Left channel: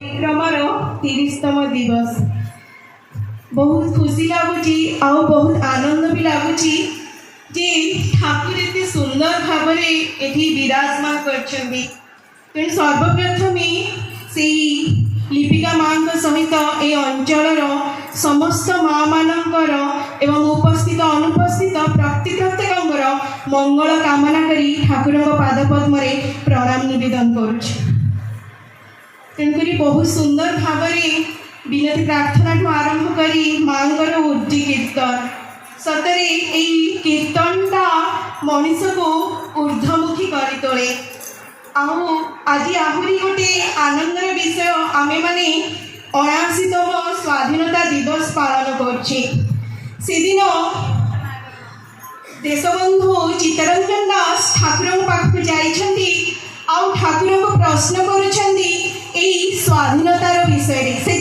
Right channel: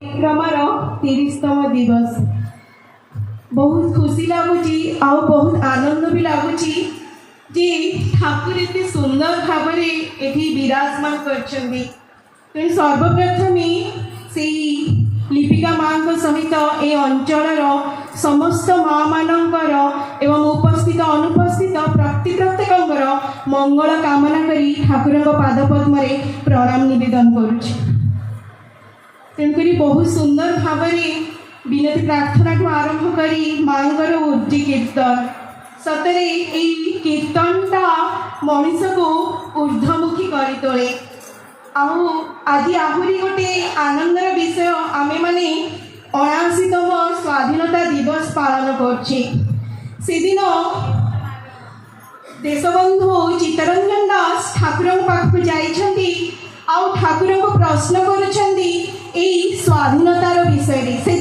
Cramer 30तम दिवस बहुत खुशी लगुच बहुत आनंद भी लगुच जे ठाकुर एत सुंदर भाव विराजमान कर सर्वप्रथम से लिपिका माँ सहित ए अंचल समस्त माँ मानकर एवं उपस्थित अनुपस्थित प्रत्येक मंगल कामना करी ठाकुर पादपद्म प्रणाम निवेदन करुच्ची। तेणुक बहुत सुंदर भाव विनती प्रार्थना ठू आरंभ करी मांगर उर्जी कीर्तन सतरे यही कीर्तनटा मनीष को ऊर्ध्वमुखी कर तोले। आज आहरी गोटे आनंदर विषय आमे माने 79तम स्वाधीनता दिवस पालन करछे। सेदिन देशबंधु चित्तरंजन दास ठाकुर पाखु जाइछन्ती आउ ठाकुर को प्रश्न करुछन्ती एई स्वाधीनतार विषय से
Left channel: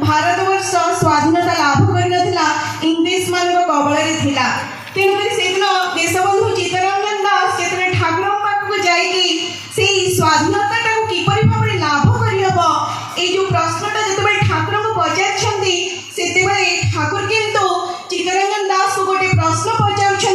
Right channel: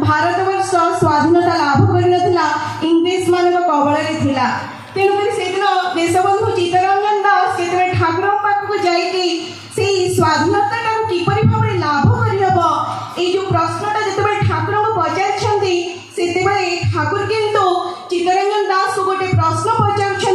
भारतवर्ष स्वाधीनता लाभ करनथिला इंग्लिश मान कबल थिला। तेणुक सेदिन देशबंधु चित्तरंजन दास जेतबे ठाकुर पाखु जाइकी से स्वाधीनता किपरि भाबरे लाभ करहब ए जो प्रश्नटा जेतबे ठाकुर को पचारछन्ती सेतेबे ठाकुर किंतु चित्तरंजन दास को गोटे प्रश्न पचारछन्ती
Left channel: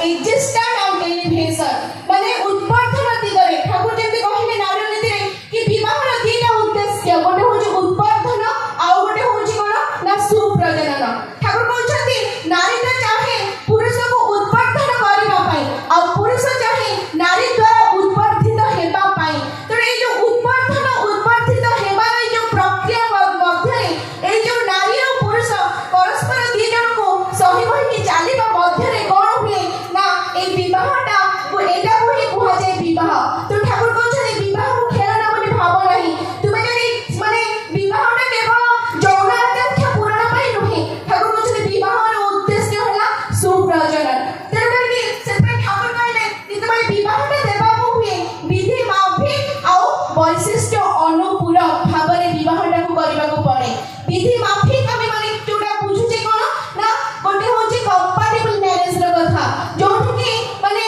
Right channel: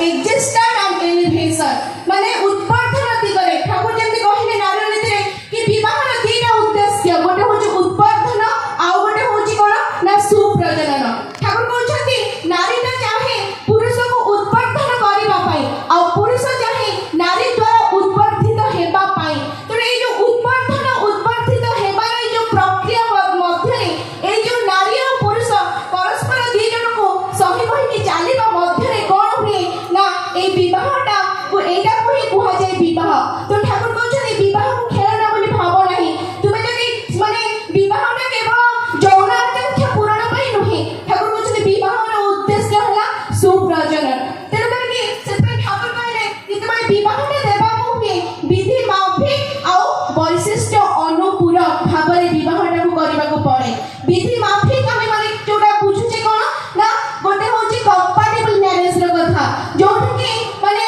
existence and elevation माने उत्पादन दिगरे ठाकुर जेमति कहिले नारी नीति रे कि विवाहर दीटा उद्देश्य गोटे होची उत्पादन आ गोटे होची कोन ना सुप्रजनन ठाकुर कहउछथि नारीटा चाहे पुरुष को उत्पादन करिबा पई आ पुरुष चाहे नारी द्वारा उत्पादित हेबा पई तो ए जो उत्पादित हेबा रे जो प्रक्रिया मध्य ए जो नारी और पुरुष परस्पर दी जन को सही होई कि चालीबा मध्य रे कोन हुए ना ए विवाहटा को एटा को ही कुहा जाय विवाह तो ठाकुर कहउछथि विवाह को खेलना बोली भाव नाही तुमे जदी माने विवाहटा केवल यौन आकांक्षा पूर्ण पई नहे ठाकुर कहउछथि विवाहर उद्देश्य होला सुप्रजनन तेरे कि सेते ठाकुर कहले जेते विवाहटा देबा को हुए विधि माफिक आ वैशिष्ट अनुपूरक भाबरे विवाहटा को करबा को पड़े विधि माफिक आमे माने जोटा बुझुचे कोन ना गोटे होची कंपैटिबल मैरिज रो कथा जोठी कि माने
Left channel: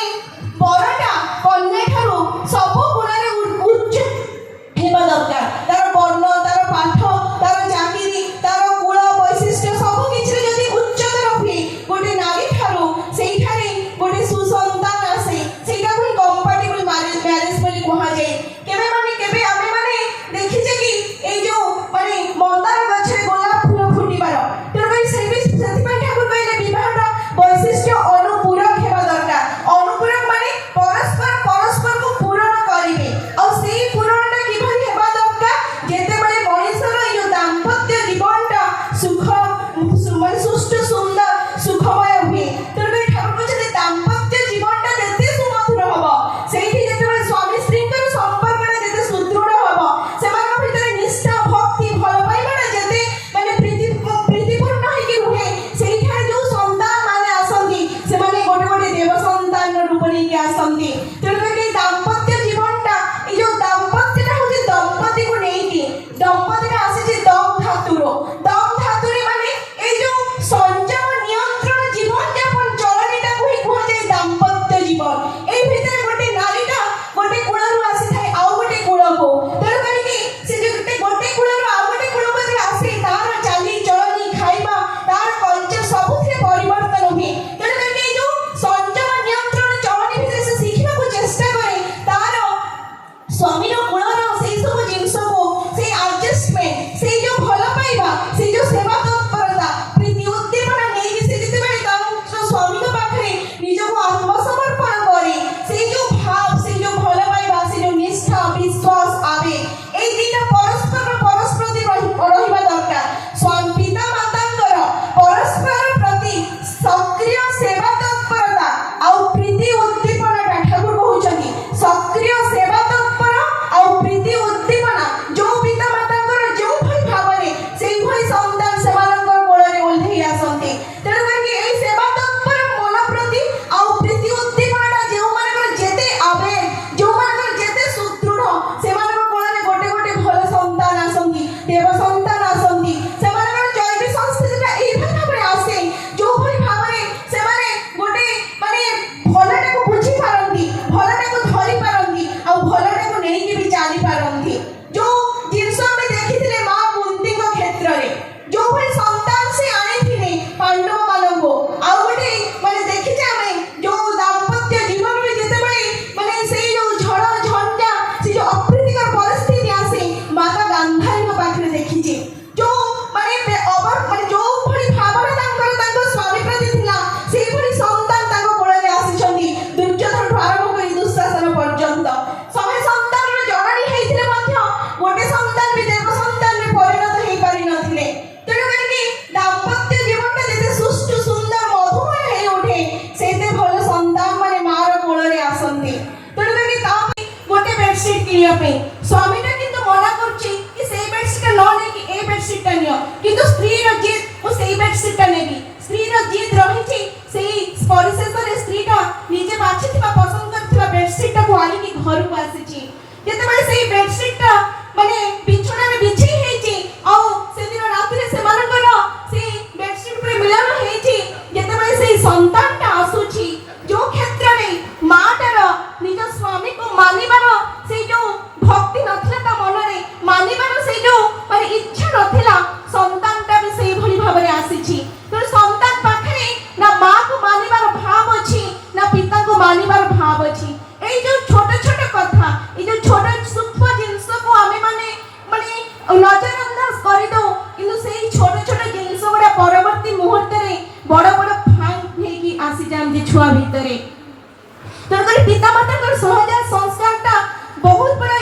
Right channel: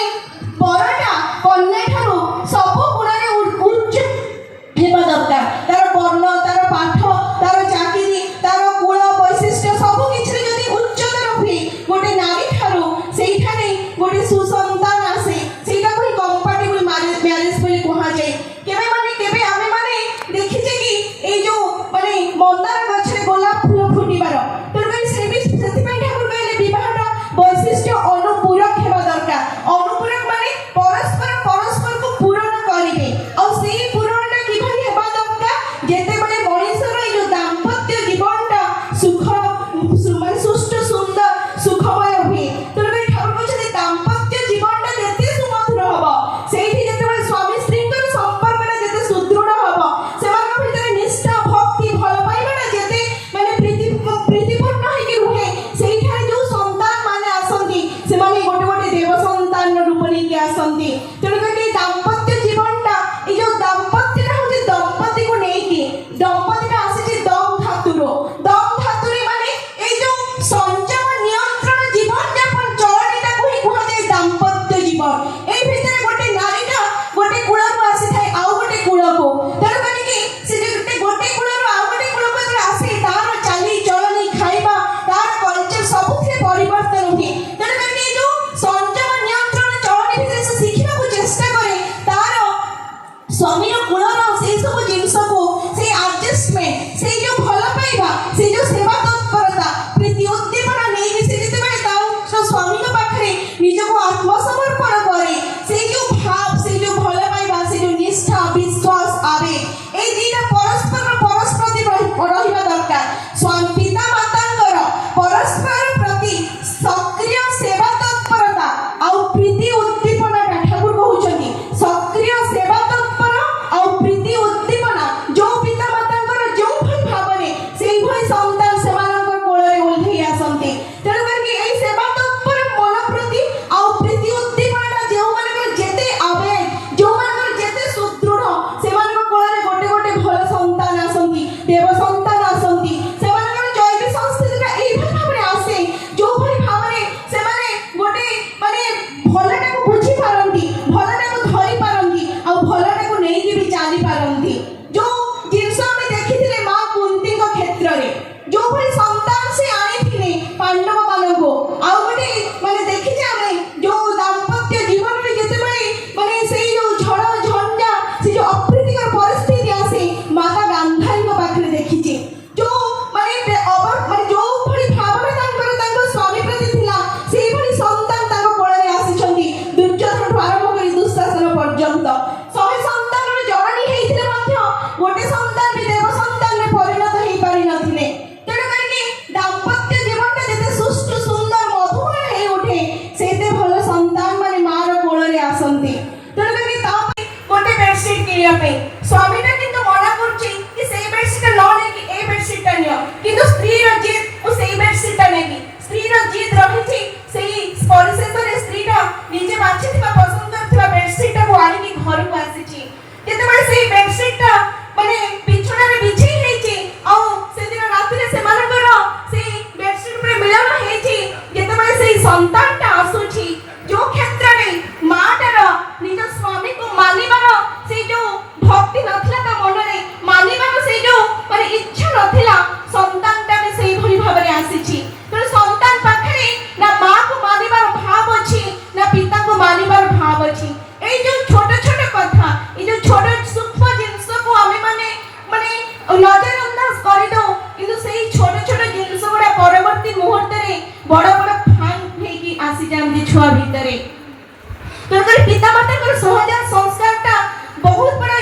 परटा कन्या ठारो सब गुणरे उच्च हेबा दरकार तार वर्ण तार पाठ तार चाकरी तार कुल वैशिष्ट सब किछ रे जदी उच्चतर हुए गोटे नारी ठारो सेई ठारे गोटे सुसंतान आसे सेटा को कंपैटिबल मैरिज बोली कहा जाय केबे आमे माने देखिचे कि ए जो माने मंदार गछरे गोलाप फूल फुटिबार तर से भी सेति पय ठाकुर कहले विवाहटा वैशिष्ट अनुपूरक हेबा दरकार अनुपूरक माने परस्पर को पूर्ण करिवे और सेई पूरणटा किभली हेबा दरकार जेते बळे मनुष्यर जो दाम्पत्य जीवनटा सुष्ट सुंदर सुखमय हुए तर ठाकुर कहले दाम्पत्य जीवनटा जेते सुमधुर हबो सेठी जेते स्वामी स्त्रीकर संपर्कटा जेते सुदृढ़ हबो सेमान भितर निष्ठा भक्ति भल पाइबा जेते माने प्रीतिपूर्ण होई रुहे सेठा जो संतान माने आसंती से माने गोटे देव संतान रूप लेके आसंती तेणु कि दाम्पत्य जीवनटा ए जो दाम्पत्यटा होचे दंपति को नेकी दंपतिटा आसे जे दम धातुरे माने ए जो संयम नियंत्रण जीवन यापन चरणीटा को ही कुहा जाय दाम्पत्य जीवन ए भितर गोटे नारीटा गोटे कुळरू आसी थाए आ गोटे कुळको तेणु कि से गोटे कुळरू आ गोटे कुळको जे आसे तार चाली चलनी खाइबा तार कल्चर सबुथिरे परिवर्तन हुए तेणु कि जो संयम नियंत्रण चरणी भितर से शिखिबा को चेष्टा करे तार स्वामीर कुळर से सब जिंस को से एडजस्टमेंट से जो भल पाइबा से जो सेवा तत्परता प्रीति उद्दीपना नै से जेते बेले तार स्वामी को पाखरे निज को आत्मसमर्पण करे से जो भाव से जो भल पाइबा से जो निष्ठा विश्वास आवे ए दीटा परस्पर रहिबा दरकार स्वामी पिता मातांकर परस्पर प्रति सक्रिय सेवा तत्परता आ प्रीति उद्दीपना ठाकुर कहउछथि सक्रिय सेवा तत्पर आ प्रीति उद्दीपना जो पिता मातांकर जो भई भावने सेई भई संतान सेमानकर कोळरे ओल्हेई आसंती तेणु कि एई सेवा तत्पर मन प्रति आ प्रीति उद्दीपना जो मानकर जेते आवेग जो मानकर जेते सुदृढ़ सेमानकर कोळरे गोटे भल संतान आसंती देव संतान आसंती सेमानकर जैविक संस्कृतिटा एई भाबरे आसे जो भई भावने सेमाने गोटे माने भलटा को बुझी पारंती भलटा को धरि पारंती आ भलटा को नै कि भी चाली पारंती जो जिंस हम देखिथिले मां कुंती को क्षेत्र रे जो भई संतान से आनिथिले पांडव मानको आ गोटे माने देखि जे हमें जो दाम्पत्य जीवन में जेते बळे माने सेई जो झड़ झंडा से जो अप्रीतिकर परिस्थिति आसे माता गांधारी को पाखरे देखिचे जो माने ओवर माने जो भली भावना तांकर स्वामी प्रति थिला सेई भली संतान तांको कोळरे आसीछंती दुर्योधन आरंभ करी दुःशासन पर्यंत 100 संतान जननी हेइथिले मध्य गोटे संतान भी देव संतान में परिणत हेइ पारि नथिले तेणु करी दाम्पत्य जीवनटा जेते सुष्ट सुंदर मधुमय हेइ उठे सेते भल संतान माने मार कोळरे आसंती तेणु करी ता गोटे बेडशीट किनिया पे स्वामीटा किंतु मना करछि कि सेई बेडशीट न ने कि ए बेडशीटटा नियो किंतु स्त्री रो जिद ओ सेई बेडशीटटा नेबी स्त्री रो जिद रहिछि सेई परिशेषरे स्त्रीटा निजे बाछिथिबा पसंद करथिबा बेडशीटटा को आनी कि घर को आसीछि जेते बळे सेई बेडशीटटा माने बिछोना रे बिछी हेछि आ से दिन राति रे से मानकर सेई बेडशीट पे मिलन हेछि जेते बळे सेई संतानटा आसुछि जो क्षेत्र रे माटार निज स्वामी को मानिबार से जो भक्ति ଚାହାନ୍ତି ଛୁଆ ଭିତରେ। ତେଣୁକରି ପିତାମାତାଙ୍କର ସହଜାତ ସଂସ୍କାରଟା ବହୁତ ବଡ଼